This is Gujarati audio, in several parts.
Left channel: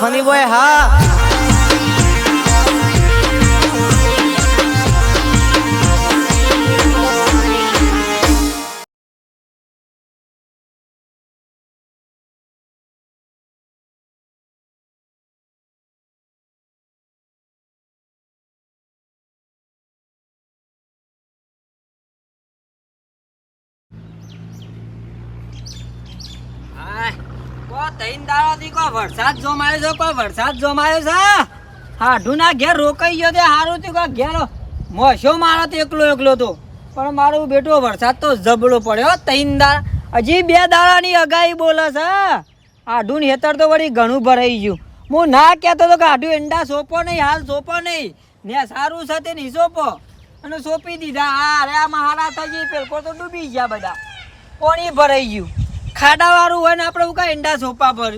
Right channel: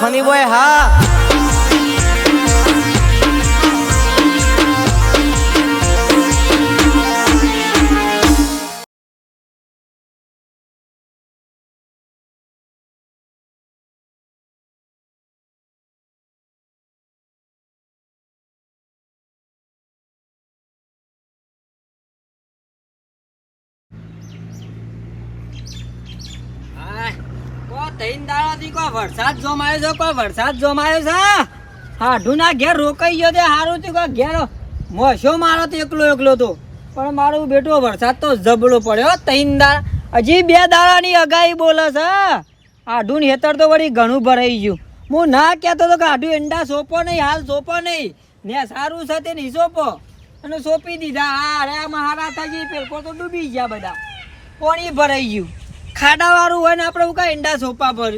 ફની બોય હા વરસાદ જોમાયો છે કોઈ વરસાદ જોમાયો છે હાઢુના ઘેર રોકાઈ ગયો તે હારું તે કોઈ ઘેર મોશો મારો તો એકલો તો પણ મારું બેટો વરસાદ તો જબડો પડ્યો તૈંદા હજી 2 દાડાની અગાઈ બોલે છે હાઢું હેતર તો વળી ઘણું ભરાઈ ગયું હું ના કહેતો તો કે હાઢું એંડા સોંપો નહીં હાલ સોંપો નહીં ને સારું છે તે નહીં સોંપો અને સોંપી દીધા હા રે મહારા થઈ પેલકો તો ડૂબી ગયા બધા પાણી ભરાઈ ગયું ખાડા વાળું હોય ને આપણે હું કાંઈ ઈંડા સોપા પર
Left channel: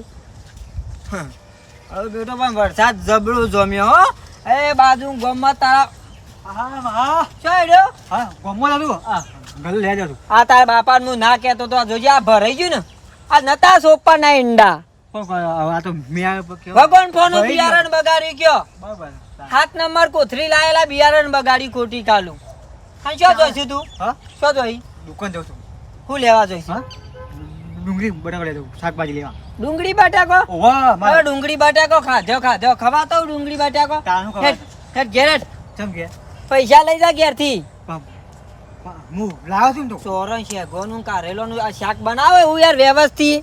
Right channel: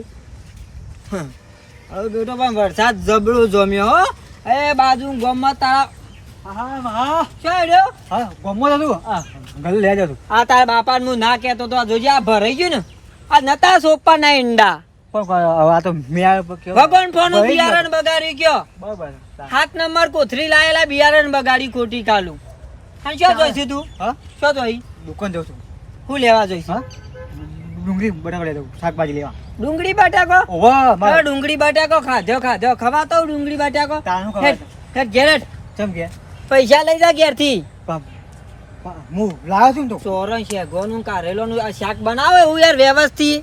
હવે બેટો પણ વરસાદ જબડો જમ્યો હો એ બાજુ ગમમાં તારા હા શું હેડ્યો હા ગમમાં હતું ગલ લે જતું આ તારા બાપાને હું ના કહેતો તો જોજે આ ભરાઈ ગયું ને આ નતા સોપા ના ઈંડા આ તો ભગવાન ફોન બિયારણ બગાડી ગયો બરાબર 7 નંબર કોથરી લાયેલા બિયારણ બગાડી ખોટી કાલું હા શું જોઈશું તું હા શું જોઈ દુકાન જઉં છું શું લેવા જોઈશું હા ડુંગળી બટાકો લેતો શાકભાજી લેવા ડુંગળી બટાકો ઓવા મારે ડુંગળી બટાકો ખાધો ખવાતો ડુંગળી બટાકો તાનું ખવાતો ઘેર ચમ કે પૈસા લઈ જા ઘેર થી હું લાવ્યો છું તો સોરણ છે ગોનું કારેલોનું આ શાક બનાવે હું યાર વ્યવસ્થિત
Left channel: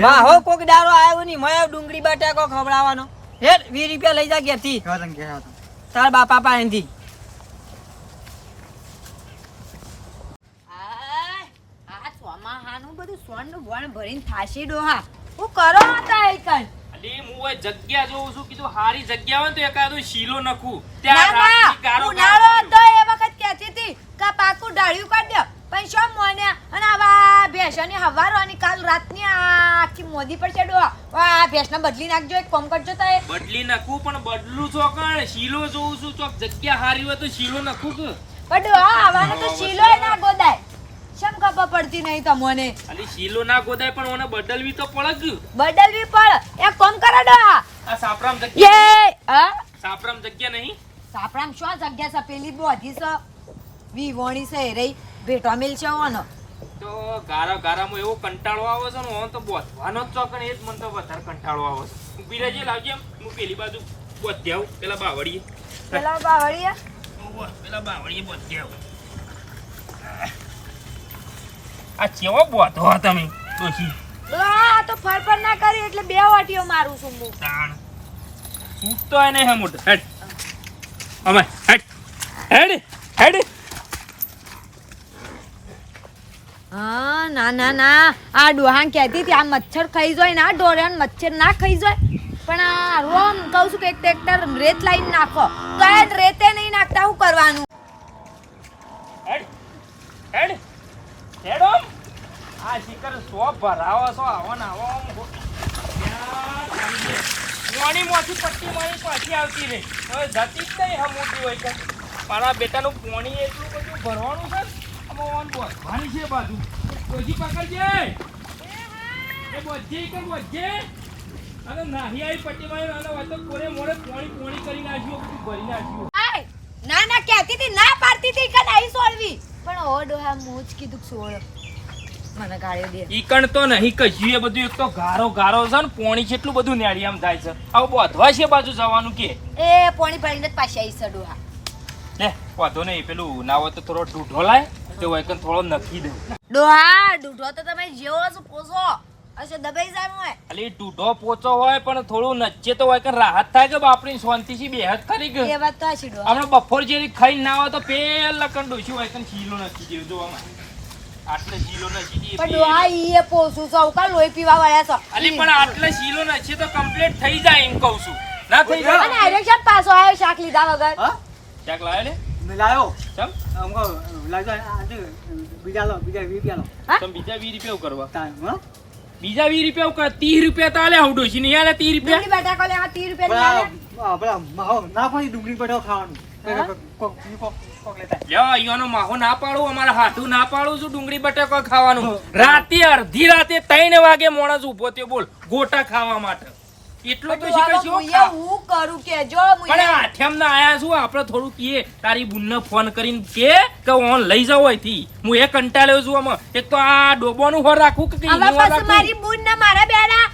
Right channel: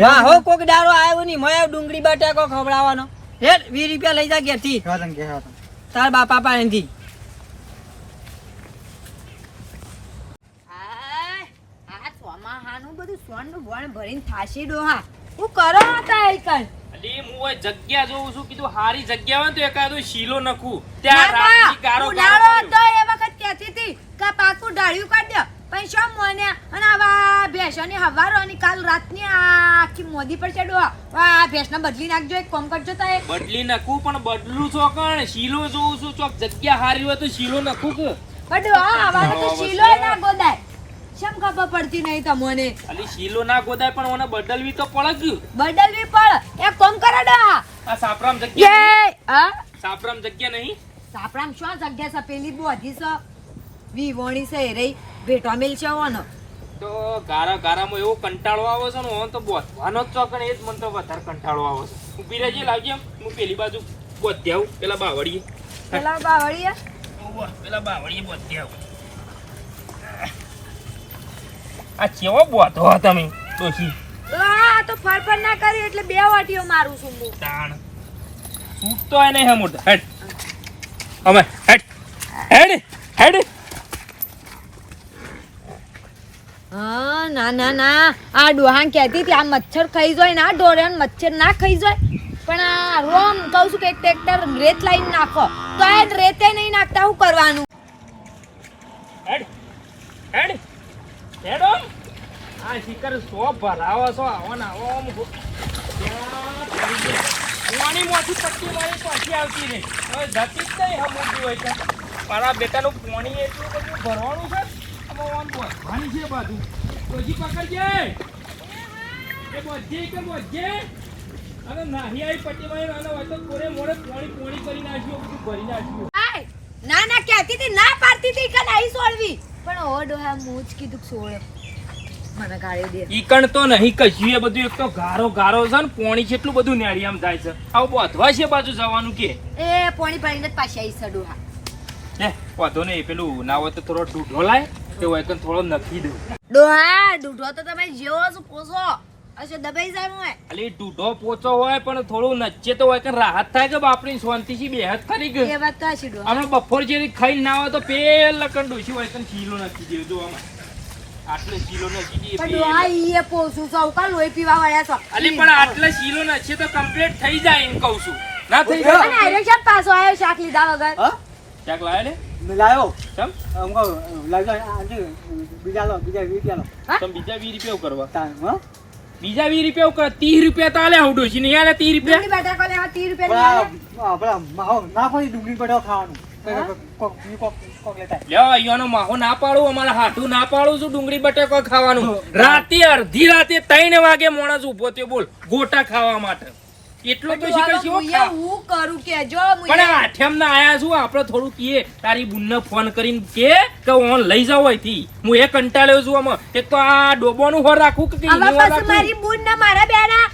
હા હો કોક દારો આવ્યો ની મય ડુંગળી બટાકો ખવડાવવાનો હેડ 20 રૂપિયા લઈ જા ઘેર થી તાર બાપા પાસેથી બધું સોનનું વણ ભરીને થાશી ડોહા હું કરો હતા એકલ અલી હું ઓય જગ્યા જોઉં છું કીધું હારી જગ્યા હોય તો એકાદો શીલો નખું ત્યાં રાતની ગારો ગારો તો એ વખત કહેતી હતી કે પાકું ડાળ્યું કાઢ દે પણ શું મોને અને આવા ભેંસોની હવારવાની કાલ રાતની આખી મોદી પર છે ડોહા આ ભેંસને બદલી નાખજો એક કોમ કરજો તા બદલી નાખું પણ બદલું છો કણ શીલો જોઉં છું ચોક જગ્યા હારી હોય તો શીલો નખું કે બડો આવા તો શીલો ના ગોદાય શમ ખબર પડતી નહીં તમને અલી શીલો ના ગોદાય પણ ઓને બદલવી તો પડ ગયું બદલવી પડ એક કોમ કરો ડોહા આ સાપરામ જગ્યા એ હા સાપરામ જગ્યા નહીં સાપરામ શું જગ્યા છે પેલી બોધી છે વિવોણી છે રે ભેટો મેલ છે ઓનો તો ગારામાં એવો કંટાળો આવે છે ને ઓન તો બોધવાનો જ ચોકણ એ જ મને તો વધારે કંટાળો આવે છે ઊભી રહેજે લાગી એમ હું પેલી બાજુ બોધી આવું પેલા બાવળીએ પેલા બાવળીએ બોધી આવું આ કેવો બોધો તમે ડોશી આ તો ફરફર ના કર્યું એટલે 2 વાટીઓ મારું છું હું તાણ સૂટતો એને હે મોટા હેડ અમે હેડ હા ના આ ડોહાન કહેતી હતી આ મચ્છર ખાઈ જાય ના ડોરેન મચ્છર ના ખાઈ જાય પણ આ રોમ કહું છું કે એક ટ્રેક્ટર રેત લાઈન નાખો તો એ રેતે નહીં નાખતા શું કરવાનું હેડો આ શિકર સો ભરાવો છો આવો ને આવો પાણીમાંથી પટ્ટી મારી પાછી આવતી રહે હવે જતી જ નહીં હમુદી હોય છે મારા બેટાનું પાણી એટલું બધું ભરવાનું છે આમાં ભરવાની છે બાજુ પછી પકડજે એ બધી કે બધી અને નાહી આવી પટ્ટી મારી અને હોય તો કોરે મોડે પાણી કરી નાખ્યું બધું ભરી નાખ્યું ના કહેતી હતી ના પાડતી હતી કે નહીં સોળવી પણ ઓ ડોહા મોજ કીધું સોળ મને ગાળ્યો દે ઈકણ તો નહીં કશું એ બધું એક તો ગારો છે ને પોણી કેટલું બધું નેડિયામ થાય છે આવું બોધવા છે બાજુ જવાનું કે એ પોણી ભરીને જ પાછી આવી છે ડોહા ને વાંધો નહીં પેલું ના હોય તો થોડો ડૂઢો લાય તે હોય તો થોડો નખી દઉં ડોહા ડૂઢો તો તમે જેવો છો પોસો અચ્છા દબાઈ જાય મોય અલી ડૂઢો પોચો હોય પણ થોડું નચે તો હોય કે રાહત થાય કે બાપરી શાંતિથી બેહત કરી ગયો એ વાત તો છે ડોહા આપણે બપોર જેવી ખાઈ ના હોય તો પેલા કણ ડોસી હોય કે શીલો નખી દેવી જો આમાં આટલે શીલો નખી દઈએ પણ ડોહા ઈએ પોસું છો કા લોહી પીવા વાળા છો અલી પણ આટલે શીલો નખે તો કમ્પ્લીટ થઈ જાય એમ કહું છું ના થઈ જાય અને આયરો પાછો આયો શાક લીધા વગર હા શાક લાવે ને લાયો ચમ અમકો લાજો આજે બીજા 20 રૂપિયા લો તમે બીજા 20 રૂપિયા કરવા તાન હા બીજા 20 રૂપિયા ઉપર 30 રૂપિયા તો આલે આવડો છે નહીં આલે 30 રૂપિયા ડુંગળી બટાકો લેવા 30 રૂપિયા આપડા માહો ના કોઈ ડુંગળી બટાકો ખાવાનું કોક લેતા લ્યો અહીંયાનો માહો ના પાડું અમારા હાથું ના પાડું છું ડુંગળી બટાકો ખાવાનું રાતે અડધી રાતે 3 વાગે મોણસ ઊભો થયો બોલ ગોટા ખાવા માટે એટલો તો શીખર છો ખા હું કરું કે જો પણ આઠમ ના આયા છું આપણે થોડું કીએ તારી બુનને ફોન કરીને કે ઓન લઈ જાવ અહીંથી હું એ કંટાળ્યો છું આમાં એક તો આ ડોબોનું હોર રાખું કે હવે ઈનું હોર પછી મારી રાખું બુન ને મારા બેના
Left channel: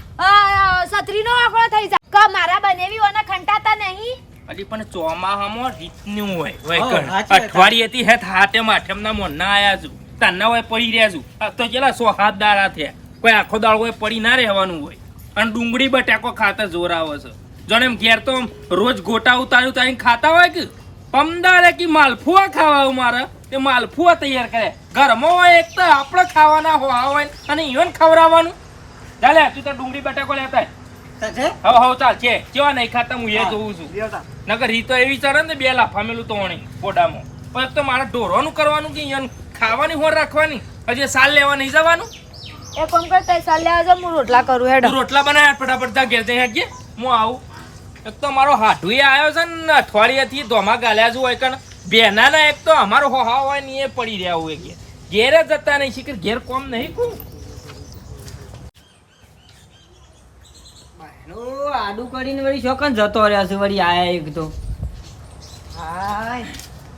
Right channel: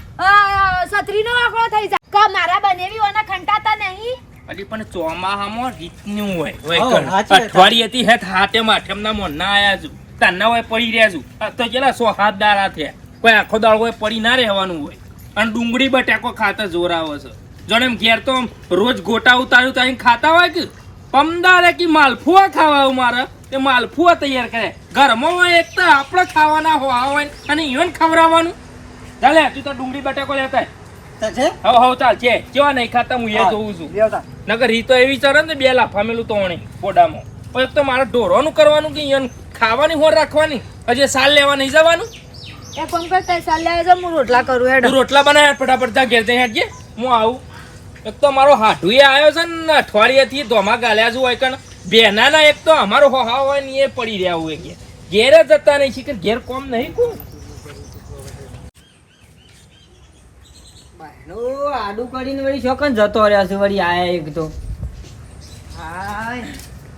સત્રીનો આંકડો થઈ જાય કા મારા બનેવી ઓના ખંટાતા નહીં અલી પણ ચોમાહામાં રીતનું હોય હા, કણ. સાચી વાત. અઠવાડિયેથી હેત હાથે માઠમના મોંના આયા છું તારના હોય પડી રહ્યા છું આ તો કેટલા 100 હાથ દાડા થયા કોઈ આખો દાડો હોય પડી ના રહેવાનું હોય અને ડુંગળી બટાકો ખાતા જોર આવે છે જોને એમ ઘેર તો આમ રોજ ગોટા ઉતાર્યું તારીને ખાતા હોય કે પમદારે કે માલફુઆ ખાવા મારે તે માલફુઆ તૈયાર કરે ઘરમાં હોય એક તો આપણે ખાવાના હોય અને ઈવન ખવડાવવાનું ચાલે તું તો ડુંગળી બટાકો લેતા તો છે હવ ચાલ છે કેવા નહીં ખાતા હું એ હા, જોઉં છું લેવતા. નકર રી તો એવી ચરે ને 2 લાફા મેલું તો ઓણી પોડામાં પણ એક તો મારે ઢોરવાનું કરવાનું કે ઈવન ખાવાની હોર રાખવાની હજી સાલ લેવા નહીં જવાનું એ કોમ કરતા ચાલ લેવા જા હું રોટલા કરું હેડ તું રોટલા બનાવ્યા ફટાફટ જા ઘેર જઈને હેડજે હું આવું એક તો મારો હાઠુએ આવ્યો છે ને અઠવાડિયાથી ધોમા ગાલ્યા છું હોય કણ બેનાના એક તો અમારો હોહા હોય ને એ પડી રહ્યા હોય ઘેર જ જતા નહીં શીખર ઘેર કોમ નહીં કોણ ભાઈનો આડું કરીને વળી શોકન જતો રહ્યા છે વળી આયા એક તો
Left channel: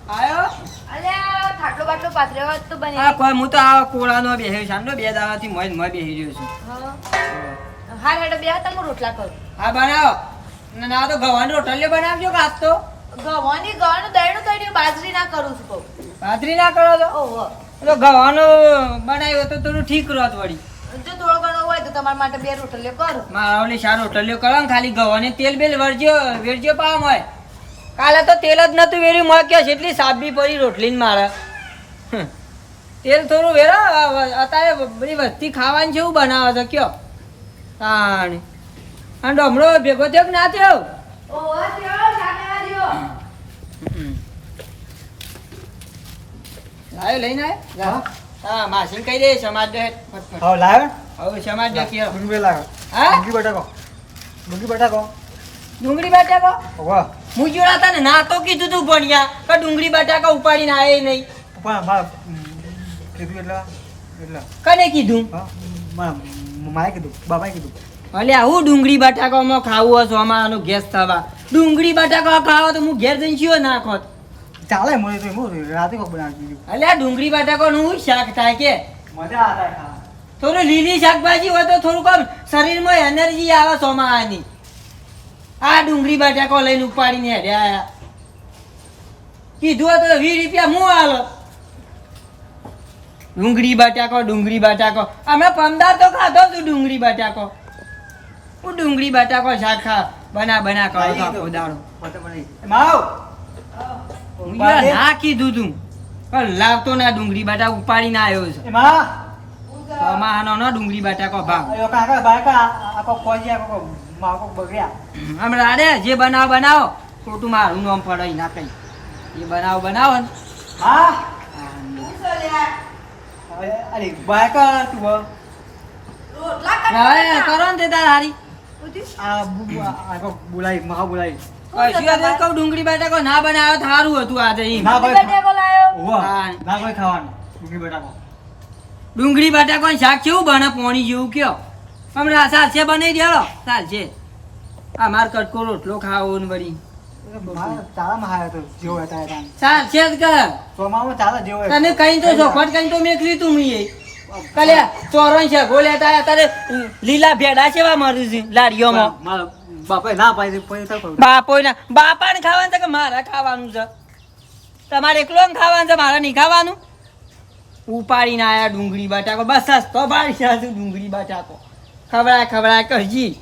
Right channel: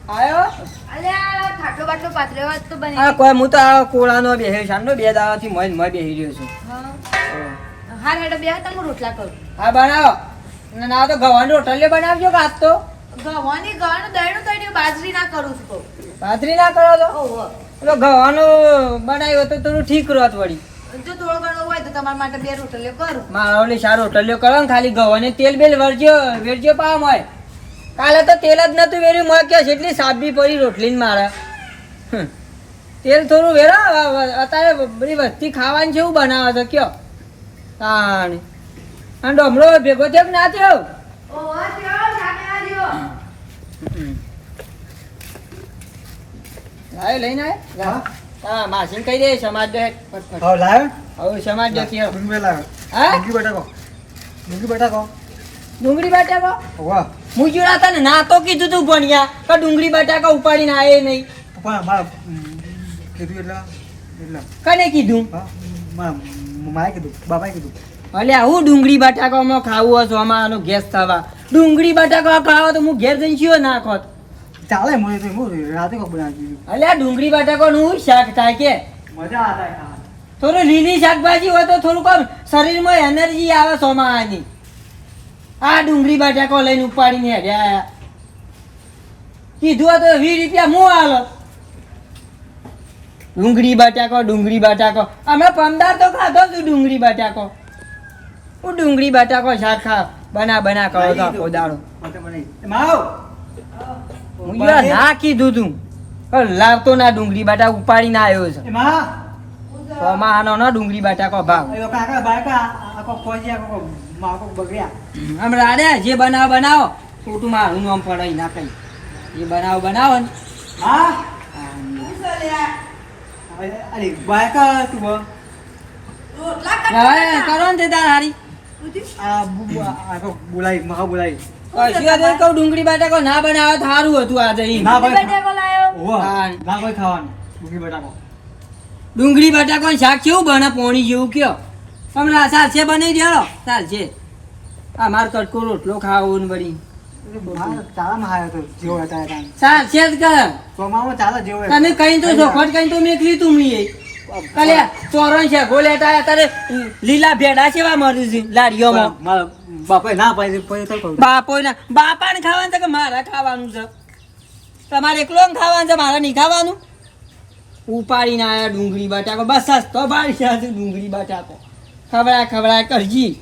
આયો અલ્યા ખાટલો બાટલો પાથરેવા તો બની આ કોઈ હું તો આ કોળાનો બેહ્યો છે આનો 2 દાડાથી મોય બેહી રહ્યો છું હા હેડ બે હતા હું રોટલા કરું હા બનાવો ના તો ગવાની રોટલીઓ બનાવજો કે આજ તો ગવાની ગવાનું દયણું તળ્યું બાજરી ના કરું છું કહું ભાખરી ના કરો તો ઓહો તો ગવાનું બનાવ્યો તો થોડું ઠીક રહત વળી જો થોડો ઘણો હોય તો તમારા માટે 2 રોટલીઓ કરું મારા ઓલી સારો રોટલીઓ કરો ને ખાલી ગવાને તેલ બેલ વેરજો પામ હોય કાલે તો તેલ જ નતું વેર્યું મોય કે એટલી સાબી પડી રોટલીને મારે તેલ થોડું વેરો અત્યારે બધી વસ્તી ખાવાની છે એવું બનાવે છે કયો તાણ અને ડમરો ભેગો થયો કે ના થયો ઓહો તેઓ જાને આવ્યો લાયો લઈને આયો હા માસીને કહી દે સમાજ દે ફટફટ હા લાવ હવે સમાજ દે કે ડુંગળી લાવ હા ડુંગળી બટાકો ડુંગળી બટાકો વાહ હું જોડા તને ના તો કીધું તું ભણ્યા કે ડુંગળી બટાકા ઉપાડીને આયે નહીં પણ મારા કીધું એટલે કને કીધું હા મારે કીધું બાબાએ કીધું અલ્યા હું ડુંગળી બટાકામાં ખાવું હશે અમારો ગેસ થવા ડુંગળી બટાકા ખાવા તો હું ઘેર જઈને શિયો નાખોત ચાલે મને તો હું રાતે કોક બનાવી દીધું અલ્યા ડુંગળી બટાકાનું હું શાક થાય કે મજા આવે ખાવા થોડું લીલી શાકભાજી હોય તો થોડુંક આમ શરીરમાં એનર્જી આવે સોમાની આ ડુંગળી બટાકો લઈને ઉપાડીને હેડ્યા આયા કીધું હોય તો 20 રૂપિયા હું આલો ડુંગળી બટાકો અમે પમદાર તો ખાધો તું ડુંગળી બટાકો હું ડુંગળી બટાકો શાક ખા બના કરો તો આખો દાડો માવ હું યાર ના કીધું તું પણ લાવતો ના ડુંગળી બટાકો ઉપાડીને આવ્યો છે એમાં સોમાનો ના ડુંગળી બટાકો ભાવ અયો કાકા બાકા આકો કોઈ આકો માકો બગડ્યા હમણાં રે જે બનાવો ખોટું મારું નામ પડે ના કઈ એ બનાવો ને હા હા. અરે બાકા તું હવે કરો ને તે તાર હારી બોલાવી મહા બોલાવી કશું હતું કહું ડુંગળી બટાકો ના બનાવ્યો તો સારું હતું આજે ઈ. ના ભાઈ બટાકો લાયો ઓવા હા. ના કોઈ ખાવાનું ડુંગળી બટાકો ડુંગળી બટાકો ને શાક કેવું બને પોણી જેવું કયો હમણાં સાલસે બનાવી દેલો સાલસે આ માર કટકો રોટલો ખાવો ને વળી ચાલા માં આવ્યો તો જેવો હતા એ ટાઈમ સાલસે જ કર ચોમામાં ચાલે જેવો તને કઈ તો ચોખવટ કઈ તો મેકલી તું મીએ કલે ચોરણ છે ગોલેટા તારે લીલા ભેડા કેવા મરી છે લારીઓમાં મારા બાપાએ ના પાડી પછી તો કહું બાપાને ખાવાનું છે કે મારા ખાવાનું છે તમારે એકલો ને ખાવાનું છે મારે નહીં ખાવાનું ઉપાડીને આયા ડુંગળી બટાકો બસ સસ્તો ભાડી છે ડુંગળી બટાકો ખવડાય કરજી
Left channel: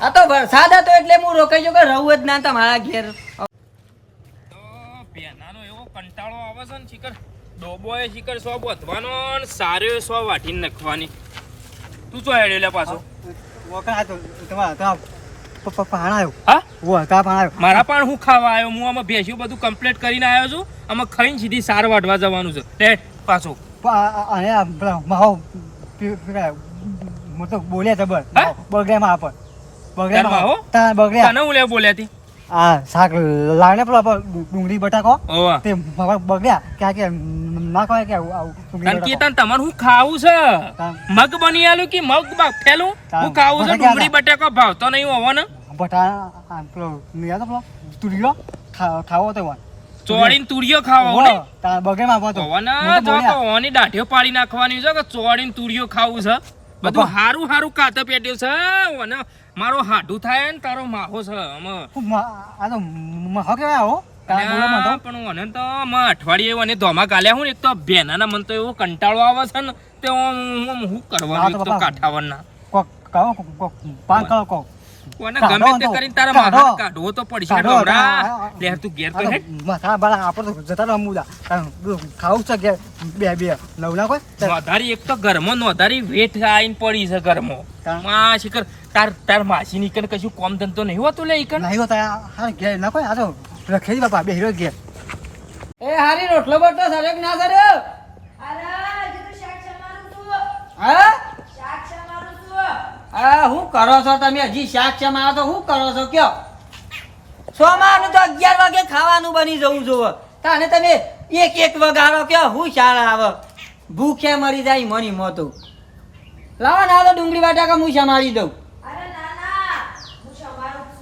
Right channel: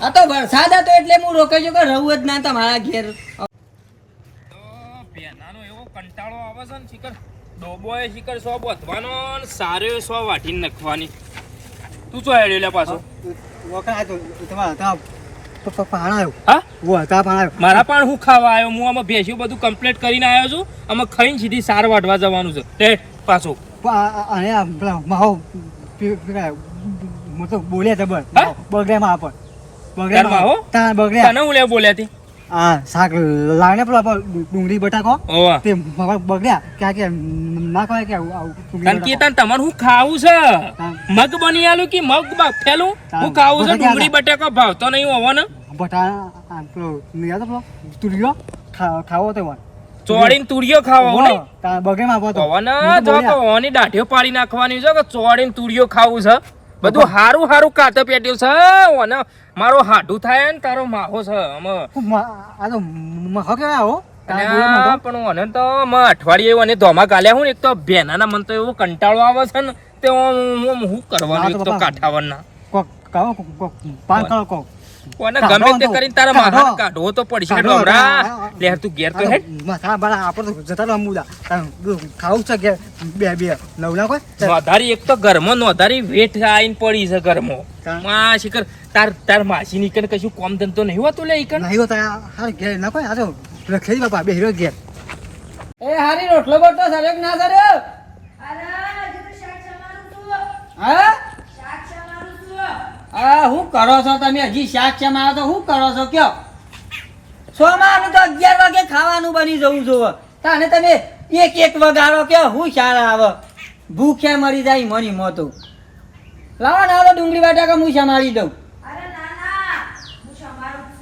આ તો વરસાદ હતો એટલે હું રોકાઈ ગયો કે રહું જ ના તમારા ઘેર તો બેનાનો એવો કંટાળો આવે છે ને શિખર ડોબોએ શિખર 100 બોધવાનો ને સારો 100 વાટીને નાખવાની તું ચો હેડ્યો લે પાછો વખત તો તમારા પાણાયો હા વો તા પાણાયો મારા પણ હું ખાવા આવ્યો હું આમાં ભેંસ્યું બધું કમ્પ્લીટ કરીને આવ્યો છું આમાં ખાઈને સીધી સાર વાટવા જવાનું છે તે પાછો અને માહો મોટો બોલ્યા જબર હા? બગડ્યામાં આપણ ઘરમાં હો? તા બગડ્યા તને હું લે બોલ્યા હતી આ શાક લાવીને પેલો આપણો ડુંગળી બટાકો ઓવા તે બગડ્યા કે ના કહે કે આવું તન કે તન તમારે હું ખાવું છે મગ બની આલું કે મગ બાફેલું હું ખાવું છે ડુંગળી બટાકો ભાવતો નહીં હોવો ને બટા પેલો નહીં આવતો તુરિયો ખાવો તો ચોળીને તુરિયો ખાવો ને બગડે માં આવતો હોવો ને જો કે ઓની દાઢીઓ પાડી નાખવાની છે કે ચોળીને તુરિયો ખાવું છે બધું હારું હારું કાતે પેટ્યું છે ઓને મારો હાડું થાય ને તારો માહો છે અમે આ તો મહો કેવા આવો પણ ઓને તો અમે અઠવાડિયે ઓને ધોમા ગાલ્યા હું ને એક તો બેનાના મન તો એવો કંટાળો આવે છે ને તે હું કરવાનું એક તો કાઠાવરના કહો પાન કહો ઓને ગમે તે કરીને તારા માથા કાઢવો તો પડશે ડોમરા લે તું ઘેર તો હેડ માથા બરા આપણે તો જતા રહો મુદા ખાવું છે કે બે લવલા કોઈ નોધારી એક તો ઘરમાં નોધારી વેઠ આઈને પડી છે ઘરમાં માં શિખર તાર માસી ની કને કશું કોમ ધંધો નહીં હોતો લે ઈકન નહીં હોતા હાર ઘેર ના કોઈ આ તો રખેલી બાપા બે હીરો ઘેર એ હારી રોટલો બોટલો સર્યો કે ના સર્યો હા હા હું કરો છો તમે હજી શાક છે મારા તો હું કરો છો કયો સોમાનું તો 11 વાગે ખાવાનું બની જવું જોવે તાને તમે એક વગાડો કયો હું શાળા આવે ભૂખ્યા મરી જાય મની મોતો લાવો ના તો ડુંગળી બટાકા હું સમારી દઉં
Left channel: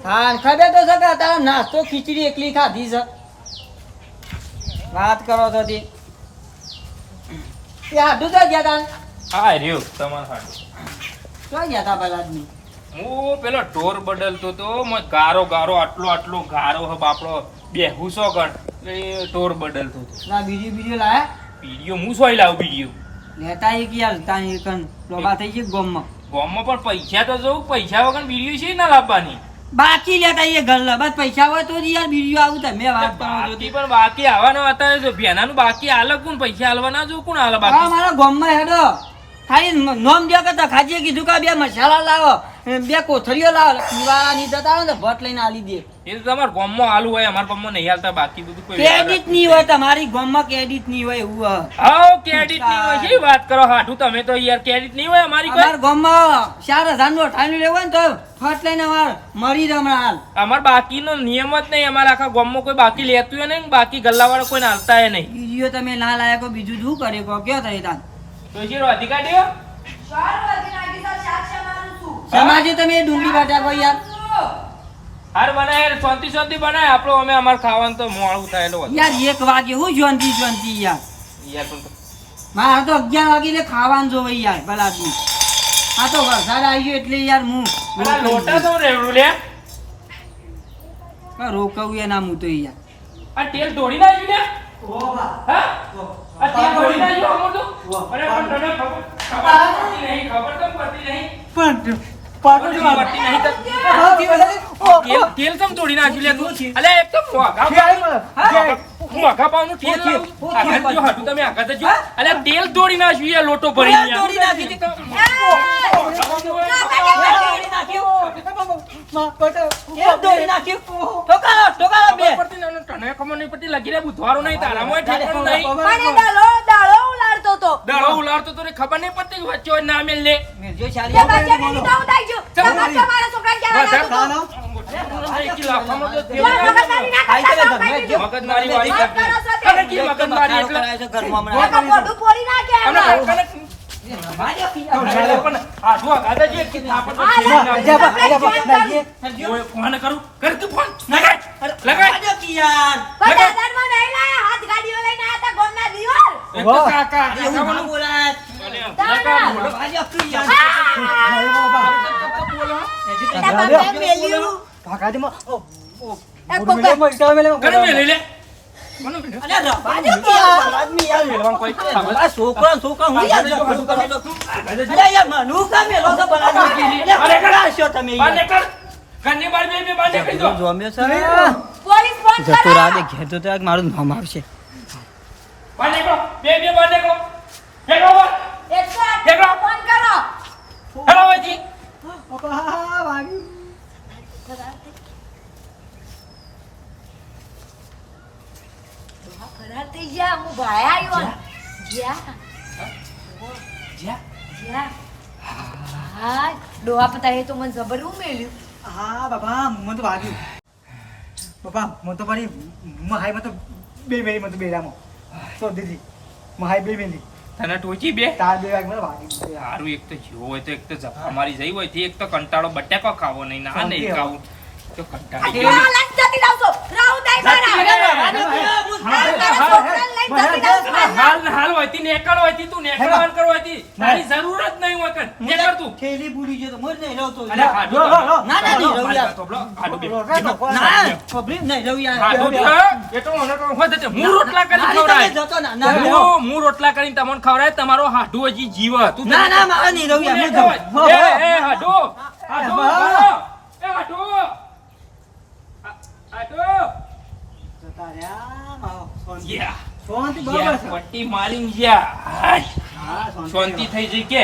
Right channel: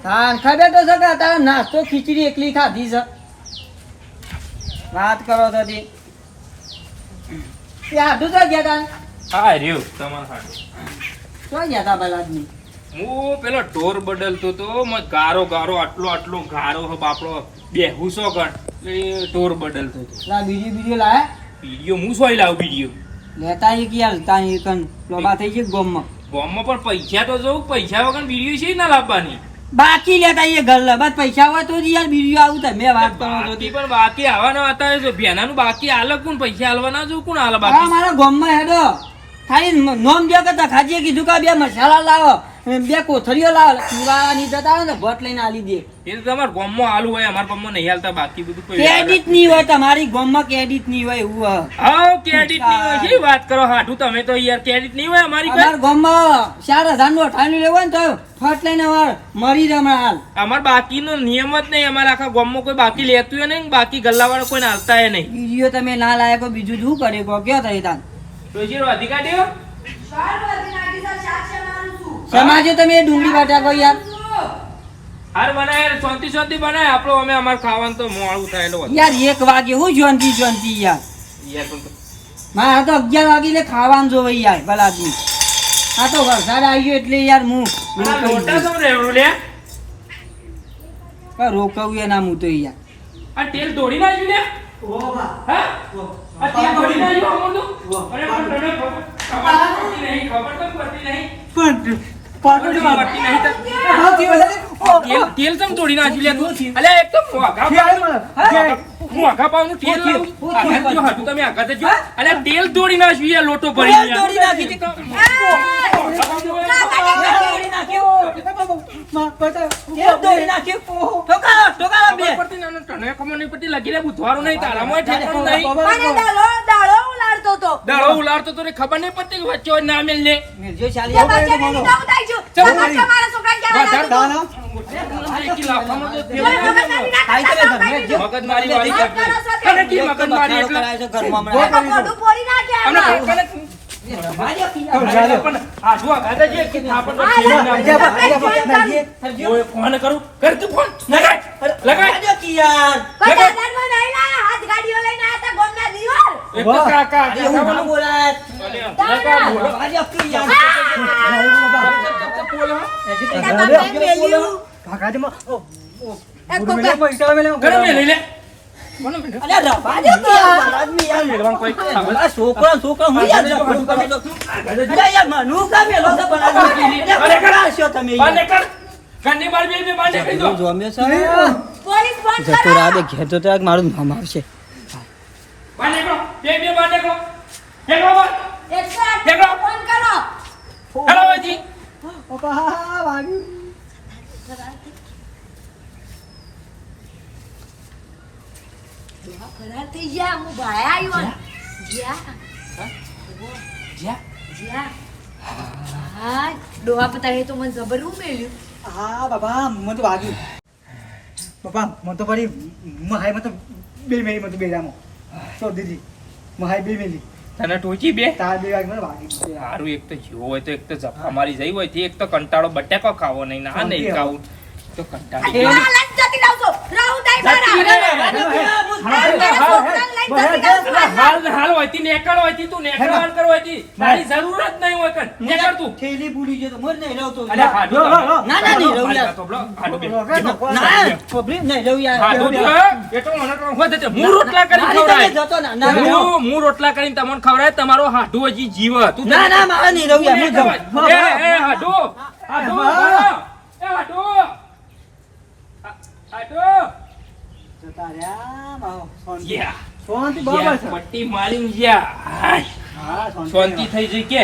હા ખબર તો છે કે તારા નાસ્તો ખીચડી એકલી ખાધી છે વાત કરો છો તે હાડું તો ગયા તા હા રહ્યો તમાર હાડું ક્યાં ગયા તા પેલા આદમી હું પેલો ઢોર બદલતો તો ગારો આટલો ગારો હે બાપડો બેહુસો ગણ એ ઢોર બદલતો તો લા બીજો લાયા વિડિયો હું સોય લાવ વિડિયો લેતા એ કે હાલતા એ કન લોબા થઈ ગઈ ગોમમાં પણ પૈસા તો જો પૈસા વગર વિડિયો છે ના લાવવાની બાકી લેતા એ ઘર બસ પૈસા હોય તો જ યાર બીજો આવું તમે વાત કરો છો પણ બાકી આવવાનો હતા એ ભેનાનું બાકી આલે કોણ પૈસા આલવાના જો કોણ આલે હા બાકી મારા ગોમમાં હેડો ખાલી નોમ જો કે ખાજીએ કીધું કે બે મસાલા લાવો બે કોથળીઓ લાવો પીવાની જતા ને ભટ લઈને આલી દે એ તો તમાર ગામમાં આલુ હોય અમાર ગામમાં નહીં આલતા બાકી બધું કોઈ ક્રેડિટ નહીં હોય તમારી ગોમમાં ક્રેડિટ નહીં હોય એવું હા ક્રેડિટ નહીં હોય શી વાત કરો હાઠું તમે તો યાર ક્રેડિટ નહીં હોય અમારી અમાર ગોમમાં 4000 નું અઠાણું લેવું હોય ને તો ફટ લઈને મરી જમા હાલ અમાર બાકીનો નિયમ જ નહીં અમારા આખા ગામમાં કોઈ બાકી લેતું નહીં બાકી ગલ્લાવાળા કોઈ આલતા એ નહીં બીજો તમે ના લાયક બીજું શું કરે કહો કયો થઈ તાન તો જીરો અધિકારીઓ સમાજે તમે ડુંગળી બટાકો યાર હાર બનાય શાંતિ બનાય આપણો અમે અમાર ખાવાનું તો મોડું થાય એટલે યાર 1 વાગે હું જોનતી યાર યાર પણ મારે તો 11 વાગે એટલે ખાવાનું જોવે યાર ભલા આદમી આ તો વરસાદ આવી ગયો એટલે યાર હું લોટા તો રેવડું લે રોકવું એ ના હું તો યાર આ તેલ દોડી નાખ્યું લે હા આ તેલ દોડી નાખ્યું અમર તો અરે પણ તને ખબર તો પડતી નહીં પણ પાટોડી પડતી નહીં તેલ તમ તોડી નાખ્યું લે તું અલે એક તો મોઘા પાવનું તેલ આગળ જો હાટું તમે આગળ જો અલે તેલ દોડી નાખ્યું યાર લોટો ભરી તેલ દોડી નાખી હતી ખબર નહીં પડતી લગી રે બુધવારો નહીં તારામાં ઠેકાણું નહીં દાડો ઉલાડતો તો ખબર નહીં પડતી કે વચ્ચે ના મેલ લે જો ચાલી મગજમારી વાળી ફોન કરું કર તું ફોન લગાય મારું નામ આવશે ડોહા પતાડે તો મને જબર મેલ્યું હા બાબા મને તો વાગ્યું પપ્પા મને તો પડી મહાઈમાં તો બે મેલી મને તો બેડામાં તો દીદી મહાઈ બે મેલી તને ટોચી બે તાર બે વાગે મને વાગી સારું એક તો જીવો હોય તો એક તો ઝપકા મારી જઈ હોય એક તો કંટાળો બટાકો ખાવો નહીં ના નહીં ખાવું તો કંટાળી ગયો. જતી રહું છું. રહું નહીં મારા. જતી રે. હાલ ને હાલ હોયતી નેકળ હોયતી તું નેકળવાન કર હોયતી તારી જરૂર જ નહીં હોય કર નેકળ તું થેલી ભૂલી ગયો તો મર નહીં રહું તો અલ્યા હાડું તો. ના, ના, નહીં રહું યાર. તો બ્લો, હાડું બે. ના પબ્લિક નહીં રહું યાર હાડું તો. એ તો મને તો હોય તો હું રોટલા કરીને મારી ખવડાય. તમે જતો ના ના રહું. હું રોટલા કરીને તમને ખવડાય તમારો હાડું હજી જીવ તું ના ના મારે નહીં રહું યાર હું જાઉં. એ હાડું હાડું એ હાડું હાડું જતા રહ્યા માવો શાંતિ યા શાંતિ યા બરાબર છે પટ્ટી મારીને યા હાય. હા શાંતિ થઈ જઈ કે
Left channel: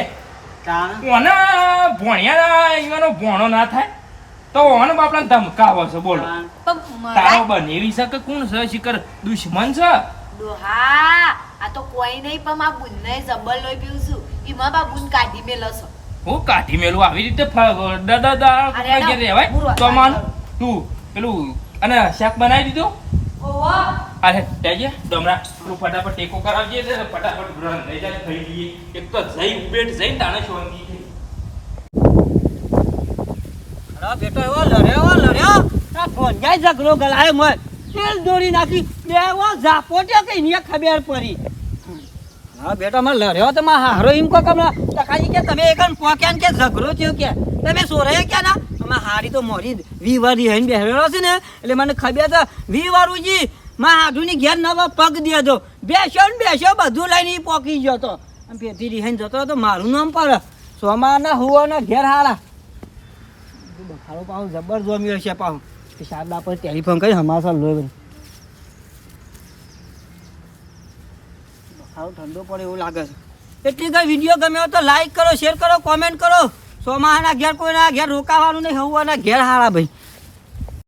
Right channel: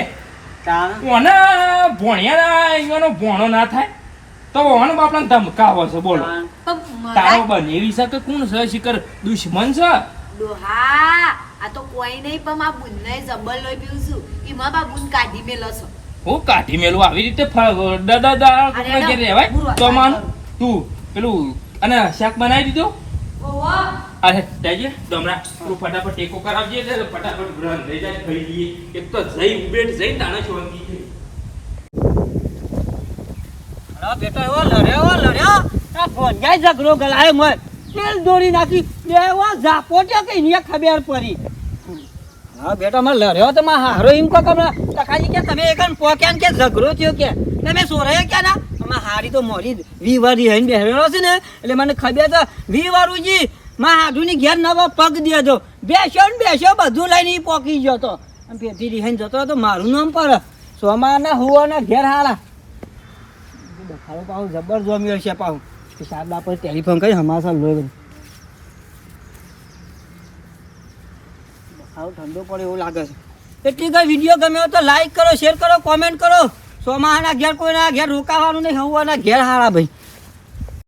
તાણ ઓને ભણ્યા એવાનો ભણો ના થાય તો ઓને બાપડા ધમકાવો છે બોલો તો તારો બનેવી શકે કોણ છે શિખર દુશ્મન છે ડોહા આ તો કોઈ નહીં પણ આ બુનને જબર લોહી પીવું છું એમાં બા બુન કાઢી મેલો છે હું કાઢી મેલું આવી રીતે દાદા ઘેર રહેવાય તો માન તું પેલું અને શાક બનાવી દીધું અરે જઈએ દમરા તું ફટાફટ ટેકો કરાવજે એટલે ફટાફટ ગ્રહણ થઈ જાય થઈ જઈએ એક તો જઈ ઉભેટ જઈ તાણે શાંતિ છે. અરે બેટો એવો લડ્યો આ ફોન જાય ઝઘડો ગલાયો મત તેલ દોરી નાખી દેવો ઝાપોટે કઈ ને ખબર પડી હા બેટા મને લડ્યો તો માં હારો એમ કો કમલા તકાજી કે તમે એકન પોક્યાન કે ઝઘડો થયો કે તમે સોરાય કે ના માં હારી તો મોરી 20 વારી હઈને બેહરેલો છે ને એટલે મને ખબર તો 20 વારુજી માં હાડુની ઘેર નવા પગ દેજો બેસ્યો ને બેસ્યો બધું લઈને ઈ પોકી ગયો તો આમ પેટી રીહન જતો તો મારું નામ પર સોમાના હુવાના ઘેર હારા બખાડો પાઉં જબર જોમ્યો છે પાઉં કે સાહેબ આપણે ટેલિફોન કરી હમાસા લોહી બખાડો ઠંડો પડે એવું લાગે છે એટલી કઈ વિડીયો ગમ્યો તો લાઈક કરો શેર કરો કોમેન્ટ કરો સોમાહાના ઘેર કોઈના ઘેર રોકાવાનું નહીં હવાના ઘેર હારા ભાઈ